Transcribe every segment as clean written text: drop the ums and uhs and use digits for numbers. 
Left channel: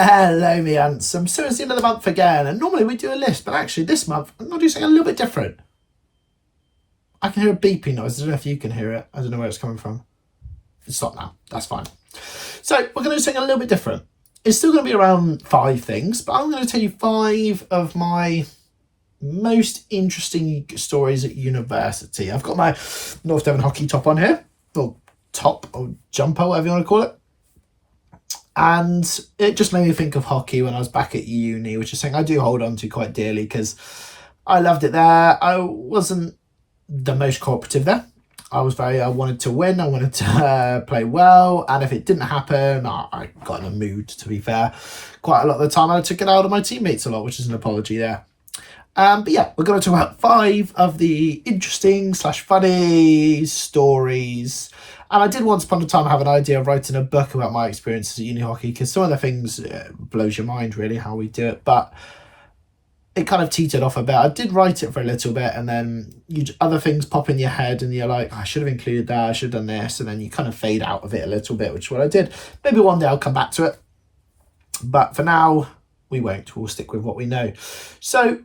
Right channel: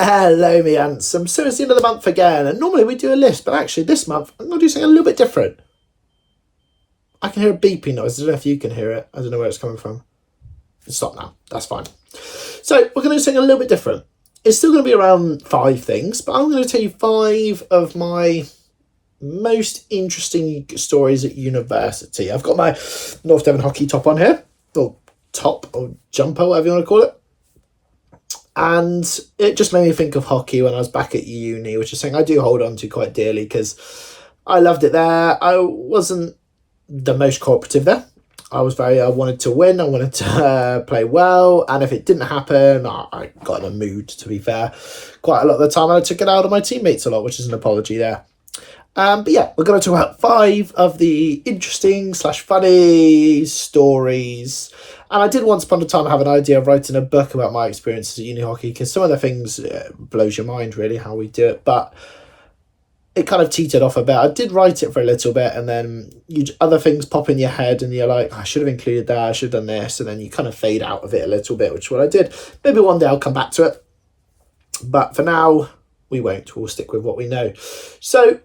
Hello, me handsome. So it's the end of the month again, and normally we do a list, but actually this month I'm going to do something a little bit different. I can hear a beeping noise. I don't know if you can hear it. I don't know where it's coming from. It's stopped now. That's fine. So we're going to do something a little bit different. It's still going to be around 5 things, but I'm going to tell you 5 of my most interesting stories at university. I've got my North Devon hockey top on here, or top, or jumper, whatever you want to call it. And it just made me think of hockey when I was back at uni, which is something I do hold on to quite dearly because I loved it there. I wasn't the most cooperative there. I wanted to win. I wanted to play well. And if it didn't happen, I got in a mood, to be fair. Quite a lot of the time I took it out on my teammates a lot, which is an apology there. But yeah, we're going to talk about 5 of the interesting / funny stories. And I did once upon a time have an idea of writing a book about my experiences at uni hockey, because some of the things blows your mind, really, how we do it. But it kind of teetered off a bit. I did write it for a little bit, and then other things pop in your head, and you're like, I should have included that, I should have done this. And then you kind of fade out of it a little bit, which is what I did. Maybe one day I'll come back to it. But for now, we won't. We'll stick with what we know. So,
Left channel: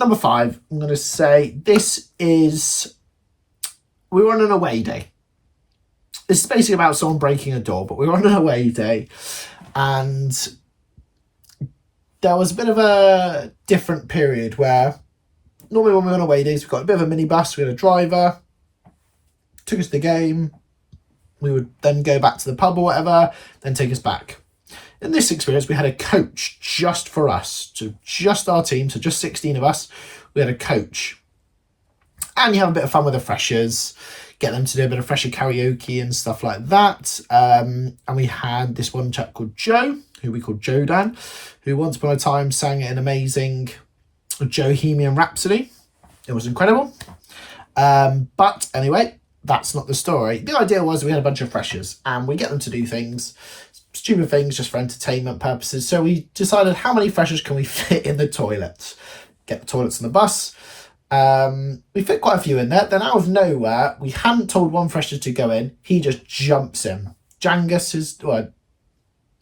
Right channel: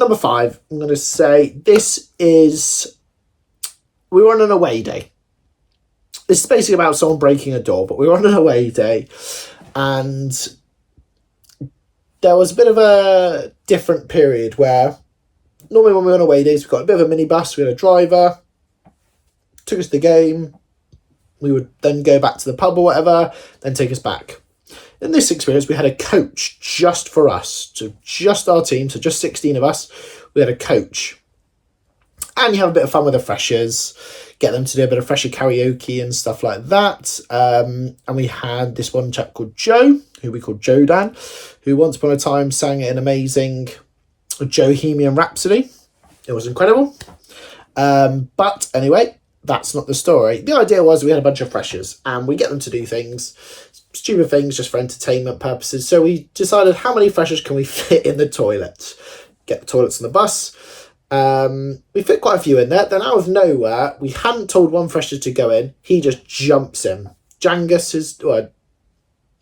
number 5, I'm going to say we were on an away day. This is basically about someone breaking a door, but we were on an away day, and there was a bit of a different period where normally when we were on away days, we've got a bit of a minibus, we had a driver, took us to the game, we would then go back to the pub or whatever, then take us back. In this experience, we had a coach just for us, so just our team, so just 16 of us, we had a coach. And you have a bit of fun with the freshers, get them to do a bit of fresher karaoke and stuff like that. And we had this one chap called Joe, who we called Jodan, who once upon a time sang an amazing Bohemian Rhapsody. It was incredible. But anyway, that's not the story. The idea was we had a bunch of freshers and we get them to do things, stupid things, just for entertainment purposes. So we decided, how many freshers can we fit in the toilets? Get the toilets on the bus. We fit quite a few in there. Then out of nowhere, we hadn't told one fresher to go in. He just jumps in. Jangus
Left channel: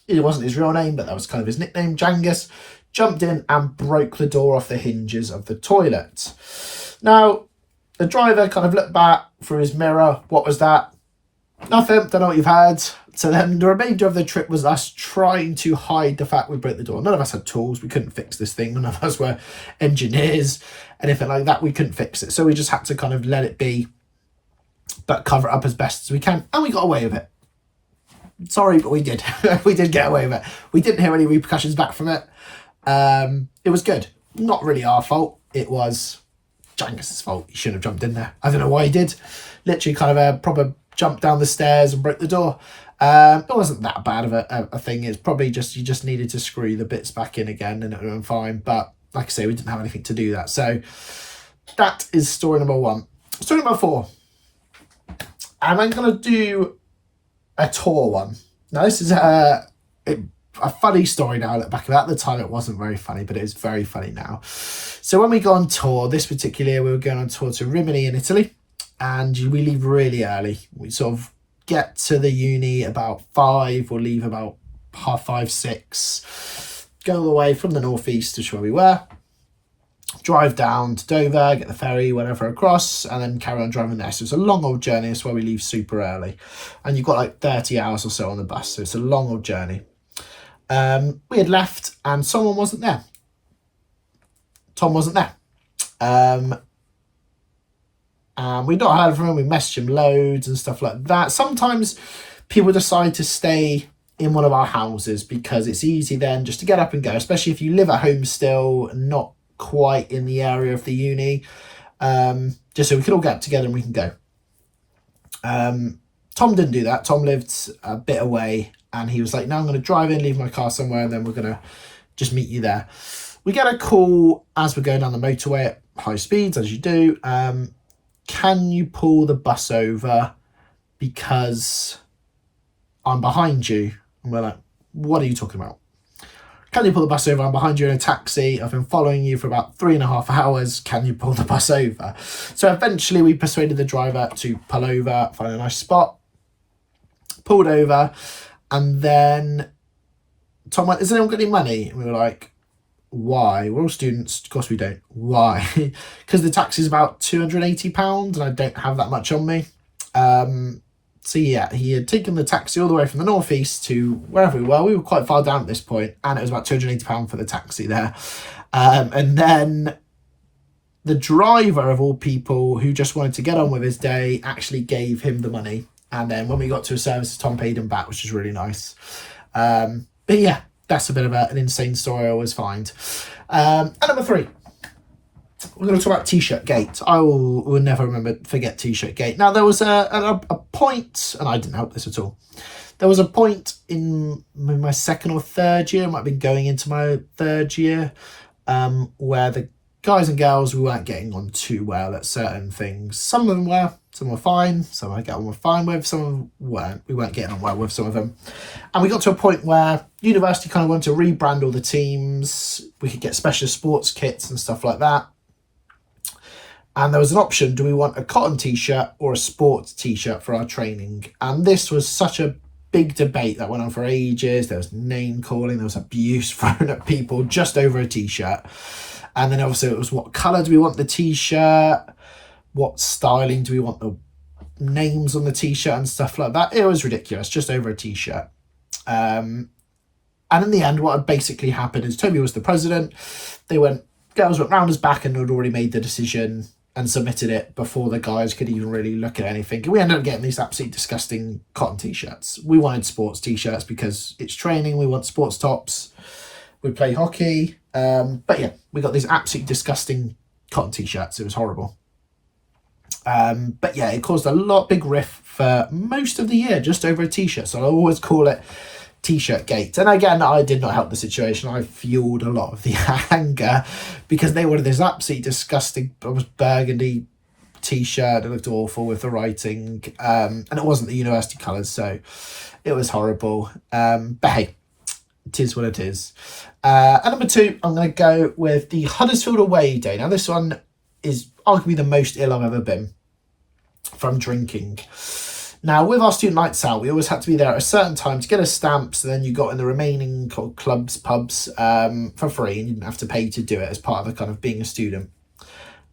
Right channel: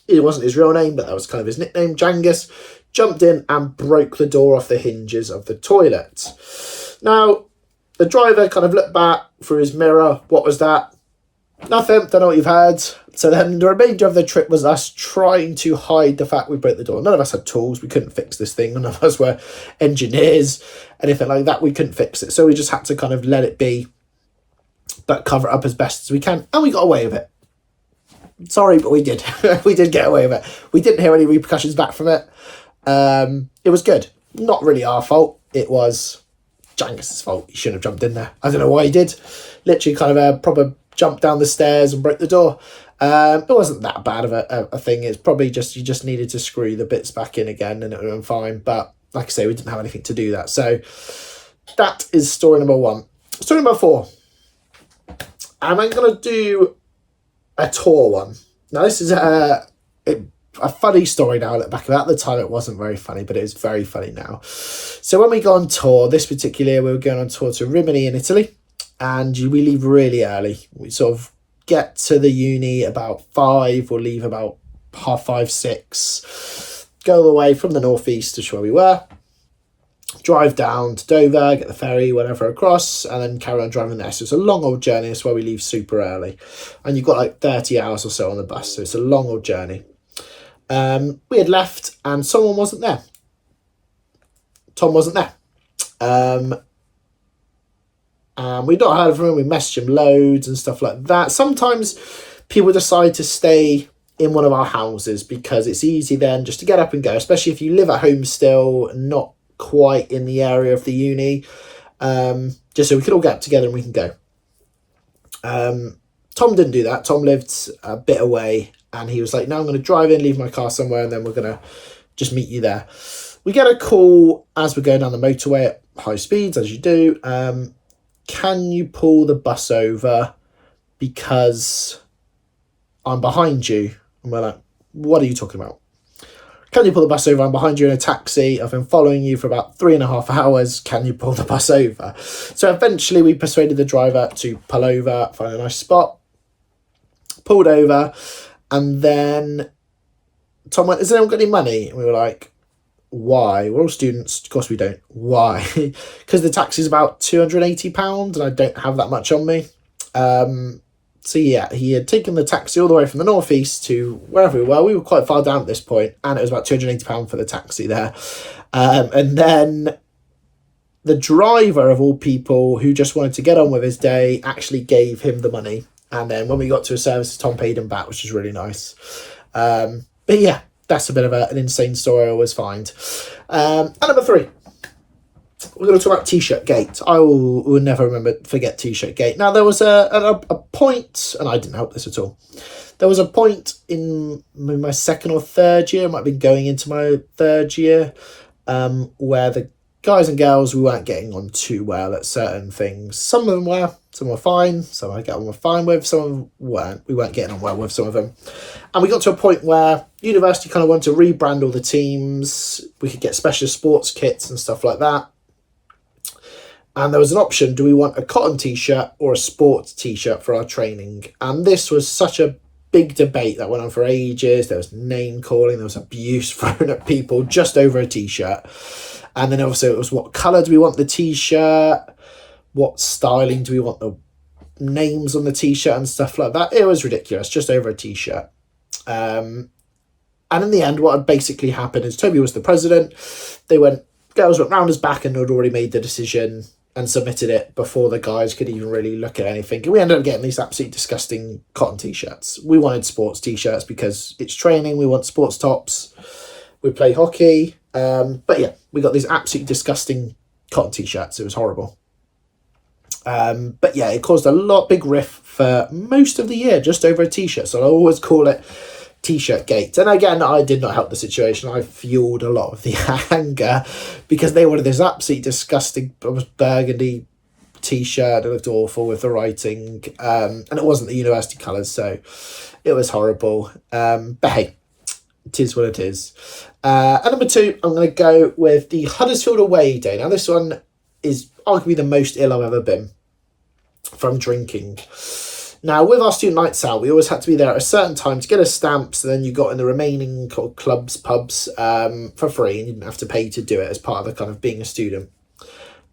it wasn't his real name, but that was kind of his nickname. Jangus jumped in and broke the door off the hinges of the toilet. Now, the driver kind of looked back through his mirror. What was that? Nothing. Don't know what you've had. So then the remainder of the trip was us trying to hide the fact we broke the door. None of us had tools. We couldn't fix this thing. None of us were engineers, anything like that. We couldn't fix it. So we just had to kind of let it be, but cover it up as best as we can. And we got away with it. Sorry, but we did. We did get away with it. We didn't hear any repercussions back from it. It was good. Not really our fault. It was Jangus's fault. He shouldn't have jumped in there. I don't know why he did. Literally kind of a proper jump down the stairs and broke the door. It wasn't that bad of a thing. It's probably just, you just needed to screw the bits back in again and it would have been fine. But like I say, we didn't have anything to do that. So that is story number 1. Story number 4. And I'm going to do a tour one. Now this is a funny story now. I look back at that. At the time it wasn't very funny, but it is very funny now. So when we go on tour, this particular year we were going on tour to Rimini in Italy, and we leave really early. We sort of get to the uni about 5, we'll leave about 5:30, 6, go all the way from the northeast to where we were, drive down to Dover, get the ferry, whatever across, and then carry on driving there. So it's a long old journey. That's why we leave super early. And you've got like 30 hours or so on the bus. So it's a long old journey. We had left and someone wasn't there. Tom wasn't there. And we'd not heard from him. We messaged him loads and stuff like that. Sometimes people decide to stay in one of our houses because it's easy then just to get up and go, especially if you live at home still, not quite in the area of the uni, just so we could all get up together and we can go. Tom didn't do that. Tom lived a bit away and he was like, no, I'm going to drive in, leave my car somewhere, and then we're going to just meet you there. We get a call as we're going down the motorway at high speeds, as you do. Can you pull the bus over because I'm behind you? And we're like, what are you talking about? Can you pull the bus over? I'm behind you in a taxi. I've been following you for about 3.5 hours. Can you pull the bus over? So eventually we persuaded the driver to pull over, find a nice spot, pulled over, and then Tom went, has anyone got any money? And we were like, why? We're all students. Of course we don't. Why? Because the taxi is about £280 and I don't have that much on me. So yeah, he had taken the taxi all the way from the northeast to wherever we were. We were quite far down at this point, and it was about £280 for the taxi there. And then the driver of all people, who just wanted to get on with his day, actually gave him the money. And then when we got to a service, Tom paid him back, which is really nice. But yeah, that's a bit of an insane story I always find. And number 3, we're going to talk about T-shirt gate. I will never forget T-shirt gate. Now, there was a point, and I didn't help this at all. There was a point in my second or third year, might have been going into my third year, where the guys and girls, we weren't getting on too well at certain things. Some of them were, some were fine, some I get on fine with, some of them weren't. We weren't getting on well with some of them. And we got to a point where university kind of wanted to rebrand all the teams. We could get specialist sports kits and stuff like that. And there was an option, do we want a cotton T-shirt or a sports T-shirt for our training? And this was such a big debate that went on for ages. There was name calling, there was abuse thrown at people just over a T-shirt. And then obviously it was, what colour do we want the T-shirt? What styling do we want the names on the T-shirt and stuff like that? It was ridiculous, just over a T-shirt. And in the end, what had basically happened is Toby was the president. Girls went round his back and had already made the decision and submitted it before the guys could even really look at anything. And we ended up getting these absolutely disgusting cotton T-shirts. We wanted sports T-shirts because it's training. We want sports tops. We play hockey. But yeah, we got these absolutely disgusting cotton T-shirts. It was horrible. But yeah, it caused a big riff for most of the year, just over a T-shirt. So I always call it T-shirt gate. And again, I did not help the situation. I fueled a lot of the anger because they wanted this absolutely disgusting burgundy T-shirt. It looked awful with the writing, and it wasn't the university colours, so it was horrible. But hey, it is what it is. And number 2, I'm going to go with the Huddersfield away day. Now, this one is arguably the most ill I've ever been from drinking. Now, with our student nights out, we always had to be there at a certain time to get a stamp, so then you got in the remaining clubs, pubs, for free, and you didn't have to pay to do it as part of the kind of being a student.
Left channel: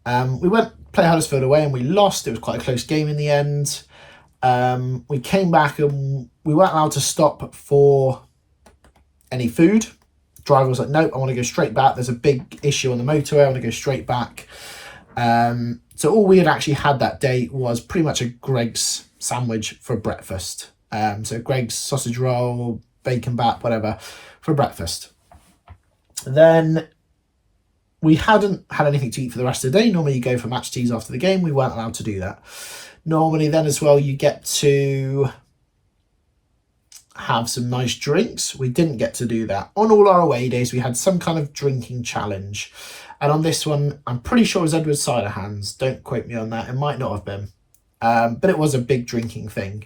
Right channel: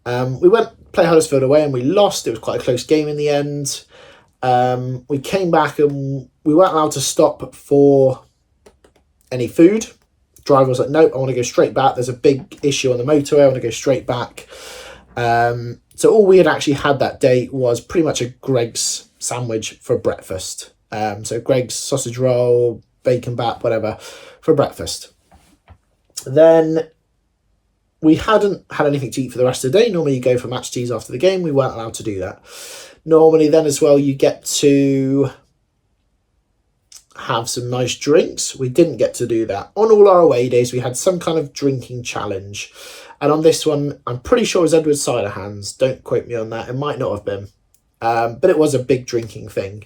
We went play Huddersfield away and we lost. It was quite a close game in the end. We came back and we weren't allowed to stop for any food. Driver was like, nope, I want to go straight back. There's a big issue on the motorway. I want to go straight back. So all we had actually had that day was pretty much a Greg's sandwich for breakfast. So Greg's sausage roll, bacon bap, whatever, for breakfast. Then we hadn't had anything to eat for the rest of the day. Normally you go for match teas after the game. We weren't allowed to do that. Normally then as well, you get to have some nice drinks. We didn't get to do that. On all our away days, we had some kind of drinking challenge. And on this one, I'm pretty sure it was Edward's cider hands. Don't quote me on that. It might not have been. But it was a big drinking thing.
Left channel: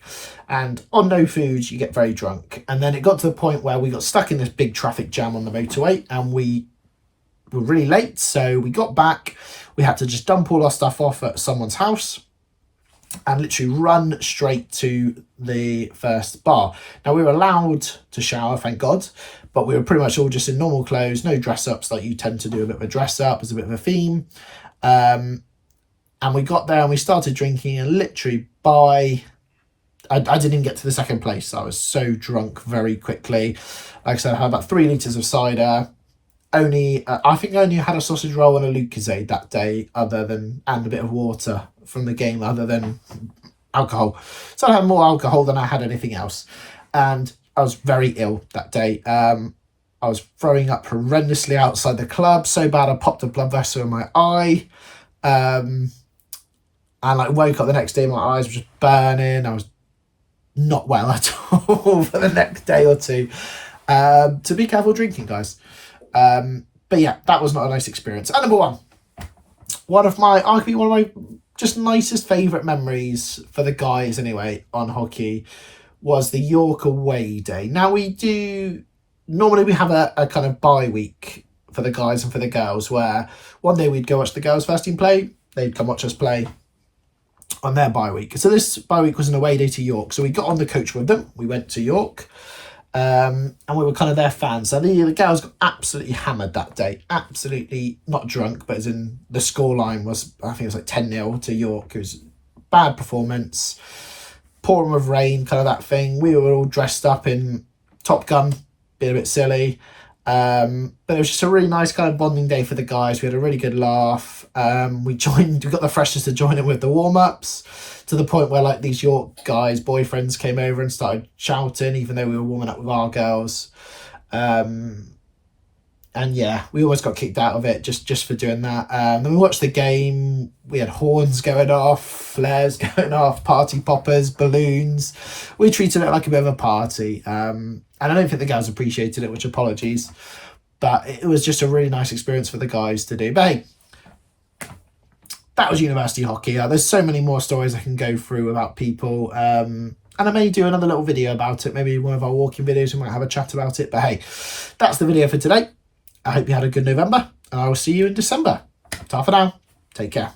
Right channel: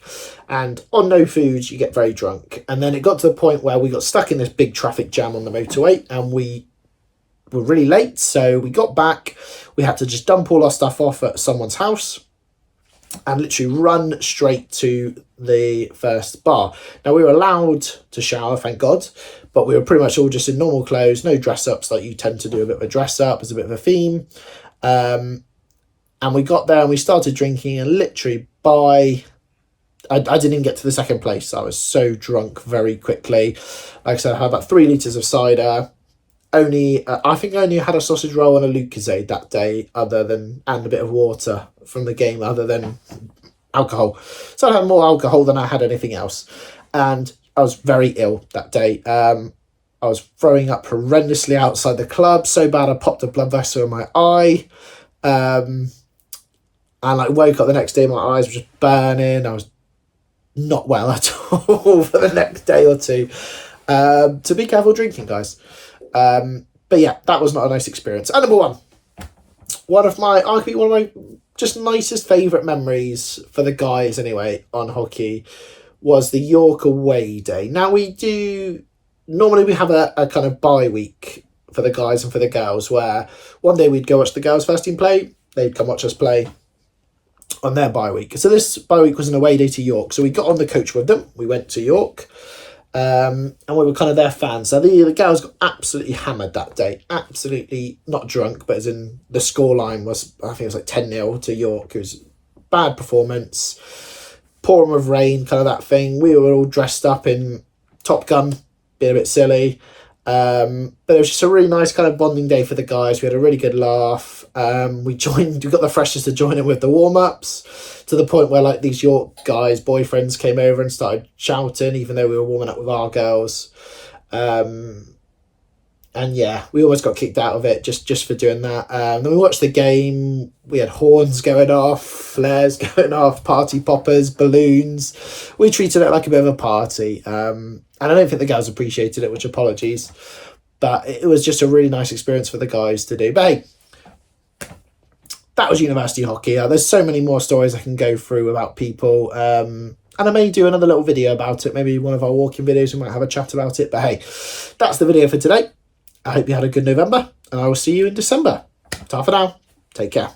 And on no food, you get very drunk. And then it got to the point where we got stuck in this big traffic jam on the motorway and we were really late. So we got back. We had to just dump all our stuff off at someone's house and literally run straight to the first bar. Now, we were allowed to shower, thank God, but we were pretty much all just in normal clothes, no dress-ups like you tend to do, a bit of a dress-up as a bit of a theme. And we got there and we started drinking, and literally I didn't even get to the second place. I was so drunk very quickly. Like I said, I had about 3 litres of cider. I think I only had a sausage roll and a Lucozade that day, and a bit of water from the game, other than alcohol. So I had more alcohol than I had anything else. And I was very ill that day. I was throwing up horrendously outside the club, so bad I popped a blood vessel in my eye. And woke up the next day, my eyes were just burning. I was not well at all for the next day or two. So be careful drinking, guys. But yeah, that was not a nice experience. And number 1, one of my just nicest favourite memories for the guys anyway on hockey was the York away day. Now normally we have a kind of bye week for the guys and for the girls, where one day we'd go watch the girls first team play, they'd come watch us play on their bye week. So this bye week was an away day to York. So we got on the coach with them, we went to York. And we were kind of their fans. So the girls got absolutely hammered that day. Absolutely not drunk, but as in the scoreline was, I think it was like 10-0 to York. It was bad performance, pouring with rain, kind of that thing. We were all dressed up in Top Gun, being a bit silly. But it was just a really nice kind of bonding day for the guys. We had a really good laugh. We got the freshers to join in with the warm-ups, to the point where like these York guys' boyfriends came over and started shouting, even though we were warming up with our girls. And yeah, we almost got kicked out of it just for doing that. Then we watched the game. We had horns going off, flares going off, party poppers, balloons. We treated it like a bit of a party. And I don't think the guys appreciated it, which apologies. But it was just a really nice experience for the guys to do. But hey, that was university hockey. There's so many more stories I can go through about people. And I may do another little video about it. Maybe one of our walking videos, we might have a chat about it. But hey, that's the video for today. I hope you had a good November, and I will see you in December. Ta for now. Take care.